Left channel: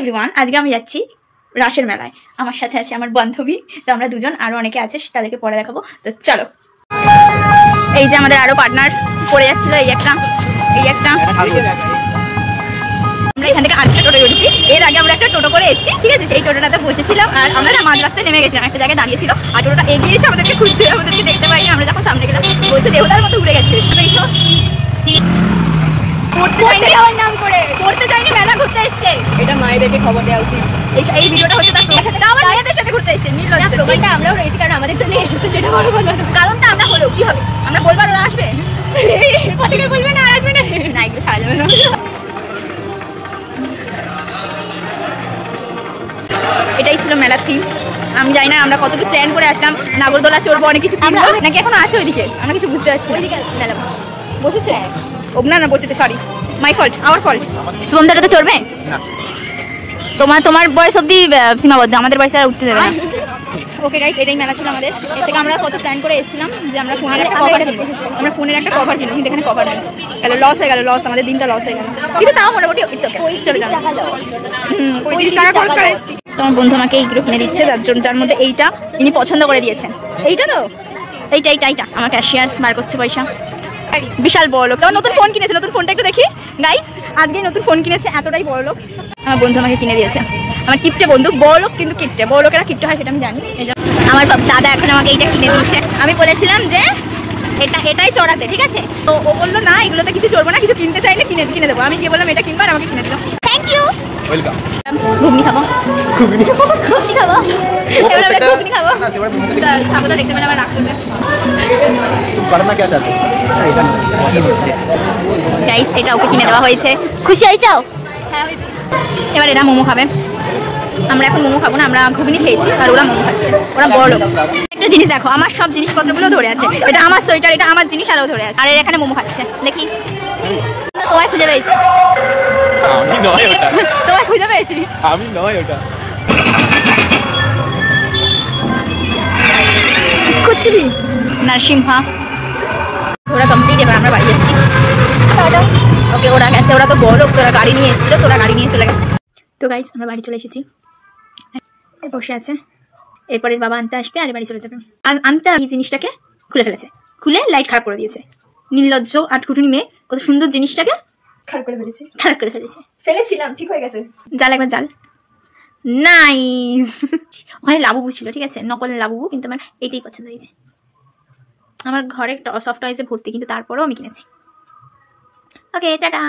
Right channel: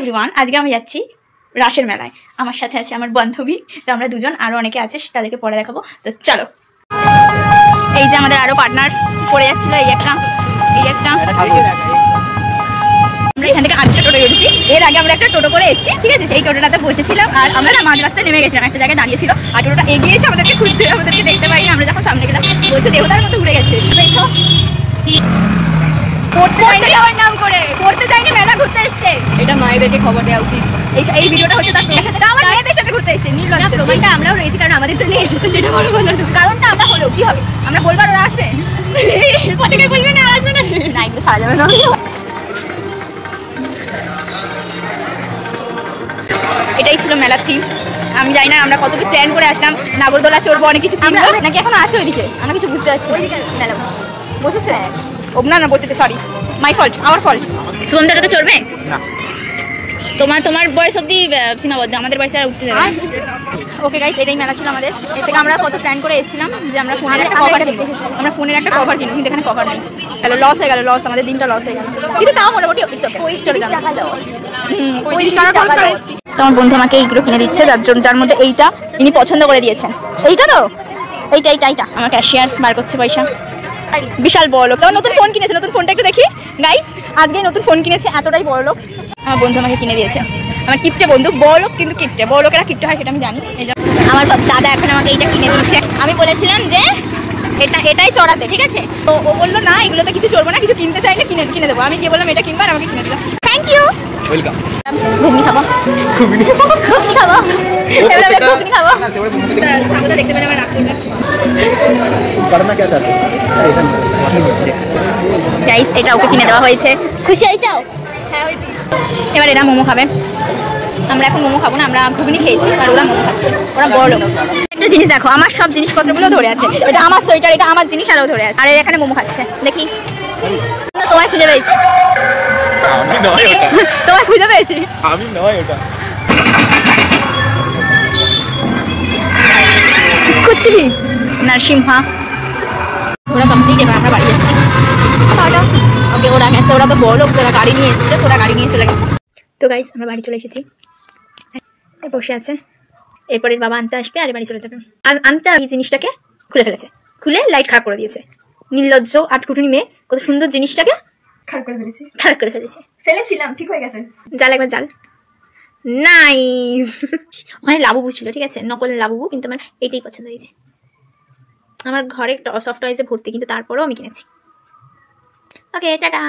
Everyone, আজকে আমি যাচ্ছি রাসের মেলায়। আমার সাথে আছে আমার বান্ধবী, তো আমরা দুজন, আরো অনেকে আছে, তাদেরকে পরে দেখাবো। তো চলো। এই যে আমাদের আরো পার্টনার পড়ে যাচ্ছিল, এই একটা আমরা এখান থেকে আরেকটা টোটো উঠেছি। এর আগে আমরা একটা টোটো করে এসেছি, ঠিক আছে? সেই টোটোটাতে বসেছিলাম আর আমরা না মাঝ রাস্তায় নেমে গেছিলাম, একটা জায়গায় দাঁড়িয়েছিল আর টোটোটা এগিয়ে এসে আমাদেরকে খুঁজতে, আমাদেরকে দেখতে পাই। আমরা যখন সামনে গেলাম বলছে দেবতার মতো উড়ে গেছি। পড়তে যাইনি, যাওয়ার নাম করে পড়তে যাইনি, মেলা ঘুরতে এসছে। এটা মায়েদেরকে খবর দেওয়া উচিত। এই ভিডিওটা হচ্ছে তার আমার মেয়েদের সাথে ঘুরতে এসছে। নির্লজ্জ, প্রমাণটা আমরাও রয়েছি, কারণ আমাদের জন্য এসেছে, সেটা বড় কথা। কারণটা আমরা হলো কি হবে, আমরা বলবার ওরা আসবে, পতাকা বলবে না, আর আসবে না, না এগুলো ছাড়া যাবে না। এটাই ছিল মেলার থিম। আমি জানি না আমরা কতটুকু প্ল্যান করে আসলাম, নাগরদোলা চড়বো, অনেক কিছু কিনবো, নাকি এখন আছে ওইদিকে, আমি কিছু বুঝতে পারছি। ওইদিকে মেলা বসেছে, না বসেছে, sorry, my fault, our fault. শুভমদাটা তো চলবে না, তোমার বয়স অব্দি সীমাবদ্ধ, আমাদের বয়সে আর উঠতে যাবে। ওকে গাইস, এটাই মেলা ছিল আমাদের। এর থেকে আমরা কত প্ল্যান করে এসেছিলাম যে আমরা ফোনের একটা কভার কিনবো, কিন্তু এখানে কভার নেই। তাহলে লস হয়ে গেল, আমাদের দিনটা লস হয়ে গেল, কিন্তু তাও মোটামুটি চলে যাবে। তোমার বন্ধু আমাকে এইগুলো কিনে দিচ্ছে, যার মধ্যে এইটা ইনি পছন্দ করে দিয়েছেন। এইটা তো এইটা আমার ক্যাশিয়ার বার করছে পয়সা। বিশাল বড় লোক, তোমার নতুন ফোন কিনেছে, নতুন ফোনটা একটু দেখি গাইস। আজকে নতুন ফোন কিনেছে, এতটাই বড় লোক আমার বন্ধু আমাকে কিনে দিয়েছে। আমার কিপটে বন্ধু, বড় লোক কিন্তু কিপটে, বড় লোকেরা কিপটে হয় সেটা আমি জানি। আমার দাদা এখন আমাকে এইটা কিনে দিয়েছে। আমি বলেছিলাম যে এটাই চড়াতে, ঠিক আছে? তো ও বললো না, এগুলোতে কিছু চড়বো না, কিছু কিনতে চাইলে কিনে দেবো। আমি গিয়ে বললাম এটা কিনবো, আর আমাকে কিনে দিল। Thank you. ওয়েলকাম। ঘুগনি খাবো, ঘুগনি খাবো, সাবধানে দেখতে পেলে আমার রাগ করবে। গাইস, এটা ওকে কিনে দেওয়া হয়েছে। খুশি হয়েছো? হ্যাঁ হয়েছি। এবার এরা মোমো খাবে, আমরা এখন মোমো খাবো না, আমরা ঘুগনি খেয়েছি আর ওরা মোমো খাচ্ছে। ওরা বড় লোক। একটা জিনিস দেখো, আমার সব জিনিসপত্রগুলো ধরে আছে। এটা আমার সোয়েটার, এটা আমার জিনিস, আরও ধরে আছে। আর এখানে মোমো খাচ্ছে, দেখি। তোমায় খুঁজে পেয়েছি, তোমায় খুঁজে পেয়েছি, আমি নয় ওটা। কুচি নরসিংহা ওরা কমপ্লিট। এবার আমরা বাড়ি যাচ্ছি। ওকে, ওরা গেছে, ওরা তো বড় লোক, তোরা গাড়ি নিয়ে এসেছিল, তোরা গাড়ি নিয়ে চলে গেছে। তো গাইস, আমরা বাড়ি চলে এসেছি, বসে আছে। এরপরের বাবা আনতে আসবে আর বাড়ি চলে যাবে। আর আনতে এই জিনিসটাকে খুলে ফেলেছে, খুলে লাইট খারাপ করে দিয়েছে। নির্লজ্জ আটকুটুনি মেয়ে, কত সুন্দর জিনিসটাকে খারাপ করে ফেলেছিলাম। ঠিক হয়ে গেছে, জাল একবার জাল। নাইস। ওখানে লাবুবু ছিল, ঠিক আছে, নকল লাবুবু, কিন্তু আমার এইটাই পছন্দ হয়েছে। আমার ঘরে সফট টয়েসে ভর্তি, কিন্তু তারপরেও আমি কিনেছি। ওকে, টাটা।